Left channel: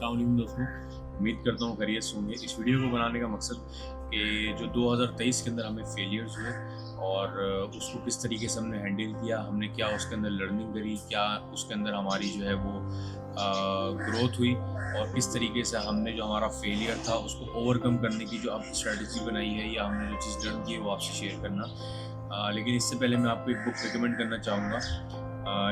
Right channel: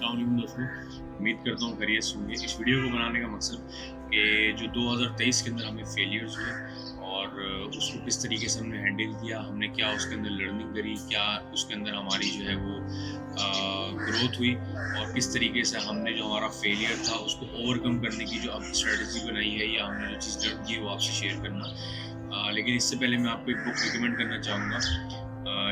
अस्सलाम वालेकुम दोस्तों, उम्मीद करता हूँ खैरियत से होंगे। इस वीडियो को बनाने का मकसद कि जो 2023 के अंदर हमें फेलियर्स हुए और उसको किस तरीके से हमने हैंडल किया, हमने क्या उसके अंदर लर्निंग करी, क्या उसके अंदर हमारी जो है वो ग्रोथ हुई और किस तरीके से हमने जो हमारा फेलियर था उसको ओवरकम करने की जो अब स्ट्रेटजी बनाई है या हमने जो चीज़ लर्न की है वो आपसे शेयर करना। लेकिन इससे पहले मैं आपको एक बुक रिकमेंड करना चाहूँगा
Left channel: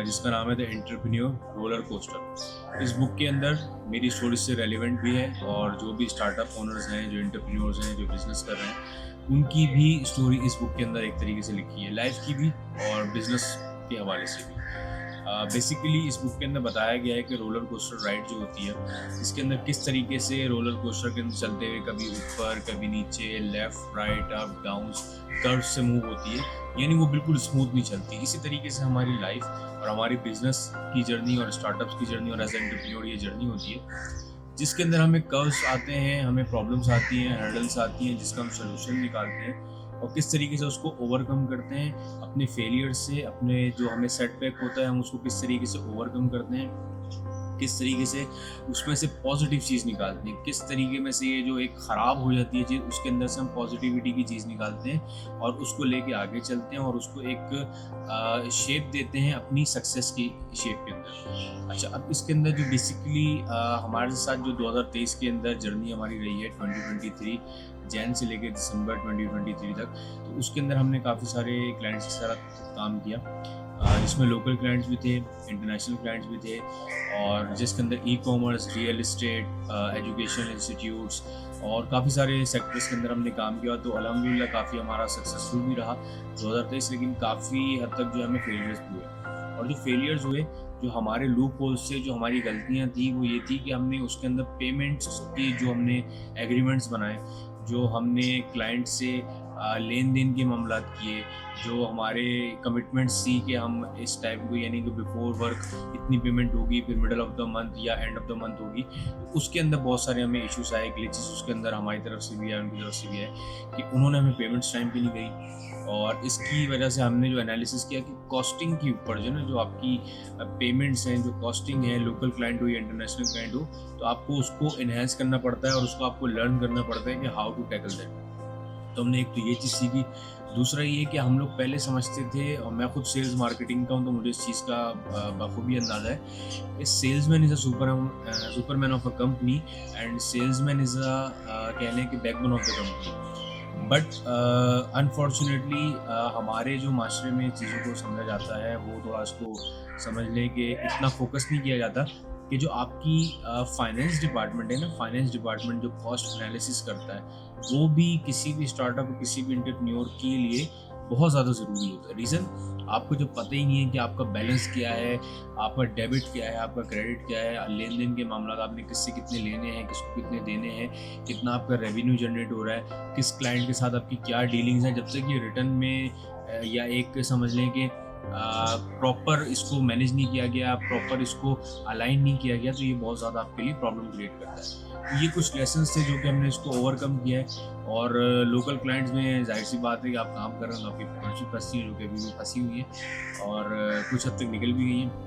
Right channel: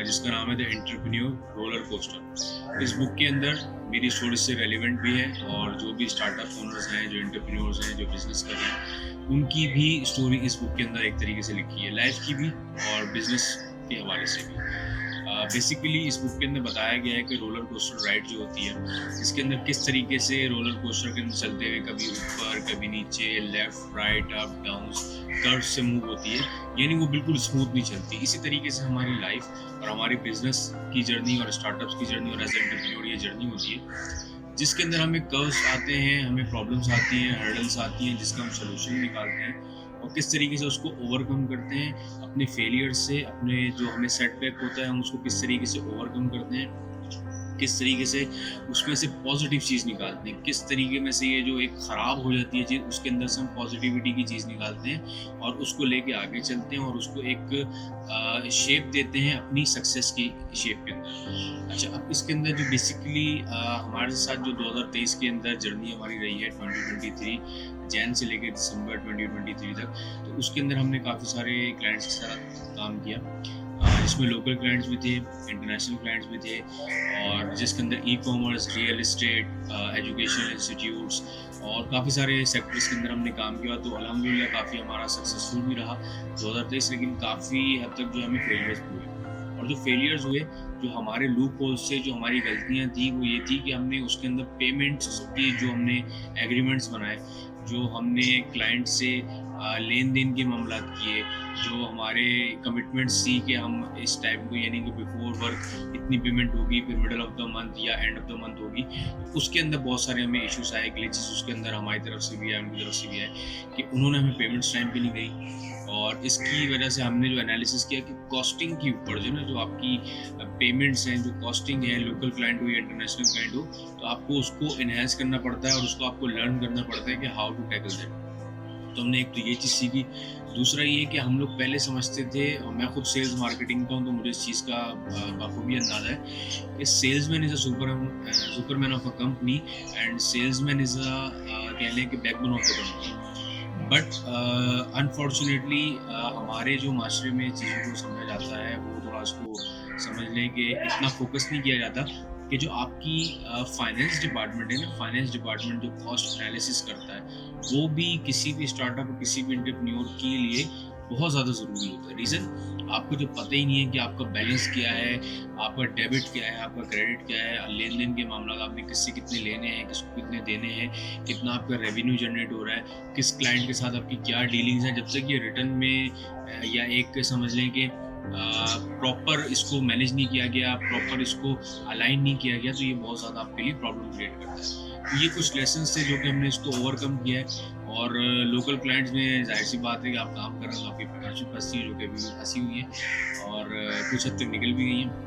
जिसका नाम है द एंटरप्रेन्योर रोलर कोस्टर। इस बुक के अंदर मेरी स्टोरी से रेलिवेंट भी है और जो भी स्टार्टअप ओनर्स हैं, जो एंटरप्रेन्योर्स हैं, जो बिजनेस कर रहे हैं, उनकी भी स्टोरी इस बुक के अंदर एक तरीके से लिखी है, लाइफ की भी और बिजनेस के हवाले से भी। बेसिकली इस बुक के अंदर बताया गया है कि रोलर कोस्टर राइड जो होती है, इसके अंदर किस तरीके से रोलर कोस्टर के अंदर चलते हुए कभी ऊपर, कभी नीचे, left, right, up, down, curve से मूव होती है, यानी वो बिल्कुल स्मूथ नहीं चलती। इसी तरीके से हमारी लाइफ और हमारी बिजनेस की जर्नी और स्टार्टअप्स की जर्नी और एज एंटरप्रेन्योर ये जर्नी होती है, जिसके अंदर हमें कर्व्स आते हैं, हमें प्रॉब्लम्स आती हैं, हर्डल्स आती हैं, जिसका हम सोल्यूशन निकालते हैं और किस तरीके से उसको ओवरकम करते हैं अपने फेलियर से। अपने जो हमें सेटबैक होता है हम उसको किस तरीके से ओवरकम करते हैं, किस तरीके से उसमें से पॉजिटिव चीज़ निकालते हैं, किस तरीके में से ये जो एक ख़राब हो जाती है चीज़ उसके अंदर से हम पॉजिटिविटी की चीज़ निकालते हैं और उसको लेके आगे चलते हैं और उसको एक शेप देते हैं अपनी सक्सेस की शेप के अंदर। अच्छा, अब इसके अंदर जो बेसिकली हमारे साथ जो 2023 के अंदर जर्नी हमारी रही है 2023 जैन से लेकर दिसंबर 2023 तक, तो उसके अंदर हमने काफ़ी सारे क्लाइंट्स के साथ काम किया, जिसमें लोकल क्लाइंट्स भी थे, इंटरनेशनल क्लाइंट्स भी थे और जिसके अंदर e commerce, real estate, education institutes और काफ़ी सारे सेक्टर्स के अंदर हमने काम किया। तो अल्हम्दुलिल्लाह काफ़ी हमारा सक्सेसफुल भी रहा 2023, लेकिन काफ़ी हद तक जो हमें फेलियर्स भी हुए और जो फेलियर्स हुए, जो हमारे लूप होल्स से जो हमारी गलतियाँ थी वो ये थी कि हमने उसके अंदर पेमेंट्स की जो हमने एग्रीमेंट्स बनाए, जो हमने क्लाइंट से लेन देन के मामलात किए, जो हमारे कमिटमेंट्स थी कि हम इस टाइम को यानी कि बिफोर वर्क इतनी पेमेंट होगी, फिर मिडल ऑफ द मंथ या एंड ऑफ द मंथ होगी, तो उसके अंदर बहुत सारे हमें इश्यूज आए, ग्लिचेस उसके अंदर हमारी तरफ से भी आए, उनकी तरफ से भी आए कि उन्होंने हमें पेमेंट्स टाइम पे नहीं दी और इसकी वजह से हमने जो एनालिसिस किया कि कॉस्टिंग के ऊपर जो ना जो आपकी पेमेंट्स हैं, जो कॉस्टिंग है, लोकल क्लाइंट हो या इंटरनेशनल क्लाइंट हो, तो आपको उसको इन्हेंस करना पड़ता है और उसको आपको लर्न करना पड़ता है कि हाउ टू टैकल दैट। तो हमने एक तो ये चीज़ सीखी। दूसरा ये कि हम लोग पहले समझते थे और मैं खुद सेल्स मार्केटिंग का हूँ तो मुझे इस चीज़ का बखूबी अंदाज़ा है कि salesman is a Superman of a company and salesman is कह लें कि backbone of the company. But unfortunately हमारे जो माशरे में चीज़ों को समझा जाता है वो थोड़ा इसको समझ लें कि इतना फोकस नहीं किया जाता कि जो आपकी फाइनेंस डिपार्टमेंट है ना, फाइनेंस डिपार्टमेंट जो कॉस्ट एनालिसिस करता है वो भी किसी भी स्टार्टअप किसी भी एंटरप्रेन्योर के लिए बहुत ज़्यादा ज़रूरी होता है। रीज़न, आपको जो पता ही नहीं है कि आपका बैलेंस क्या है, आपका डेबिट क्या है, आपका क्रेडिट क्या है, लेन देन के मामला आपने किससे कितने लेने हैं, किसको कितने देने हैं, कितना आपका रेवेन्यू जनरेट हो रहा है, किस क्लाइंट के साथ आपकी क्या डीलिंग्स हैं, जब तक ये रिटर्न में या एक समझ लें कि प्रॉपर इसको मैनेज नहीं किया गया, प्रॉपर इसको अलाइन नहीं किया गया, तो ये बहुत ज़्यादा आपके लिए प्रॉब्लम क्रिएट करता है। तो ये कुछ लेसन्स थे जो कि हमने इसको ओवरकम किया है और लोकल क्लाइंट्स में ज़ाहिर सी बात है कि आप काम कर रहे हैं तो आपकी पार्टनरशिप फंसी है, जो कि अभी भी फंसी हुई है और कुछ हद तक निकल भी गई हैं।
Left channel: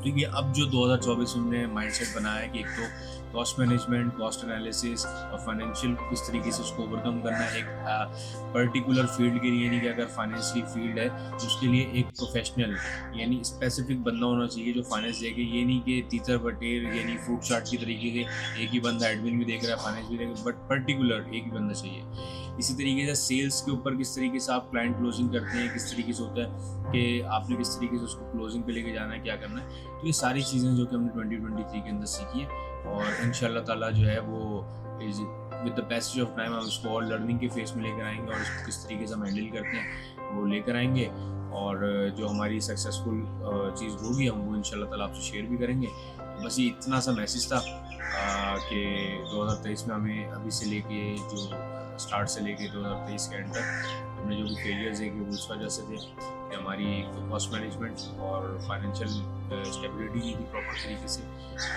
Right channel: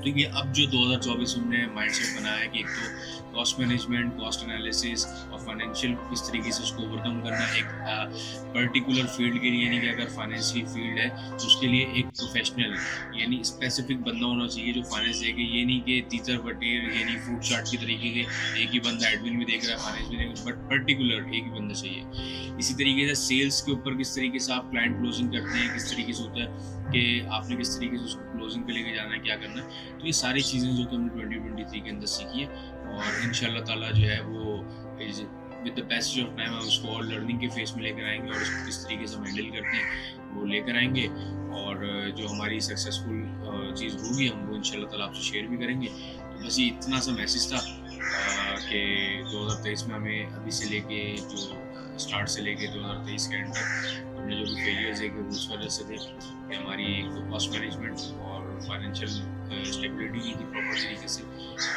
तो ये अब जो 2024 में हमने माइंडसेट बनाया है कि एक तो कॉस्ट मैनेजमेंट, कॉस्ट एनालिसिस और फाइनेंशियल किस तरीके से उसको ओवरकम करना है एक पर्टिकुलर फील्ड के लिए, नहीं कि अगर फाइनेंस की फील्ड है तो उसके लिए एक प्रोफेशनल यानी स्पेसिफिक बंदा होना चाहिए जो फाइनेंस देखे। ये नहीं कि तीतर बटेर यानी फ्रूट चाट की तरीके के एक ही बंदा एडमिन भी देख रहा है, फाइनेंस भी देख रहा है, बट पर्टिकुलर एक ही बंदा चाहिए। इसी तरीके से सेल्स के ऊपर किस तरीके से आप क्लाइंट क्लोजिंग करते हैं, किस तरीके से होता है कि आपने किस तरीके से उसको क्लोजिंग पे लेके जाना है, क्या करना है। तो ये सारी चीज़ें जो कि हमने 2023 के अंदर सीखी है और इंशाल्लाह ताला जो है वो is with the passage of time हम उसको और लर्निंग के फेस में लेकर आएंगे और इसको किस तरीके से हम हैंडल करते हैं वो लेकर आएंगे और जो हमारी सक्सेसफुल चीज़ होगी हम वो इंशाल्लाह ताला आपसे शेयर भी करेंगे। तो बस ये इतना सा मैसेज था कि 2023 में हमें अभी से लेके जो स्टार्ट से लेके 2023 के एंड तक हमने जो भी फेलियर्स देखे वो उस वजह से थे कि हमारी कॉस्ट मैनेजमेंट और फाइनेंशियल स्टेबिलिटी नहीं थी प्रॉपर तरीके से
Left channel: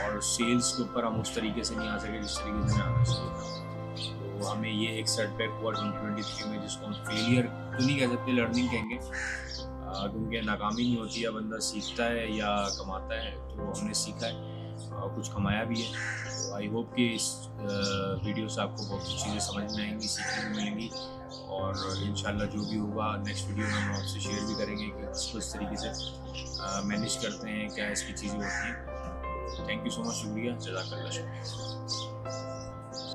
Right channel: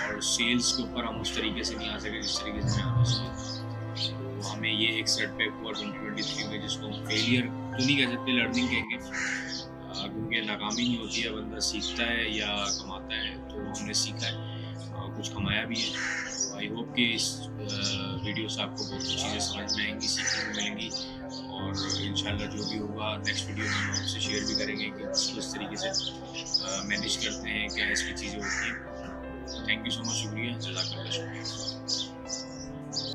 और सेल्स के ऊपर हम उस तरीके से नहीं आ सके जिस तरीके से आना चाहिए था। तो हमें ये एक सेटबैक हुआ 2023 में जिसको हम फेलियर तो नहीं कह सकते, लर्निंग कहेंगे क्योंकि नाकामी नहीं होती है, बंदा सीखता है या कमाता है। तो हमने सीखा है और कुछ कमाया भी है। तो आई होप कि इस वीडियो से आपको बहुत सी चीज़ें समझ में आएंगी, सीखने को मिलेंगी, और इंशाल्लाह जो भी होगा नेक्स्ट वीडियो में हम आपसे शेयर भी करेंगे कि उसको इस तरीके से मैनेज करते हैं, क्या इसकी चीज़ें होती हैं। थैंक यू सो मच, शुक्रिया, जज़ाकल्लाह, शुक्रिया।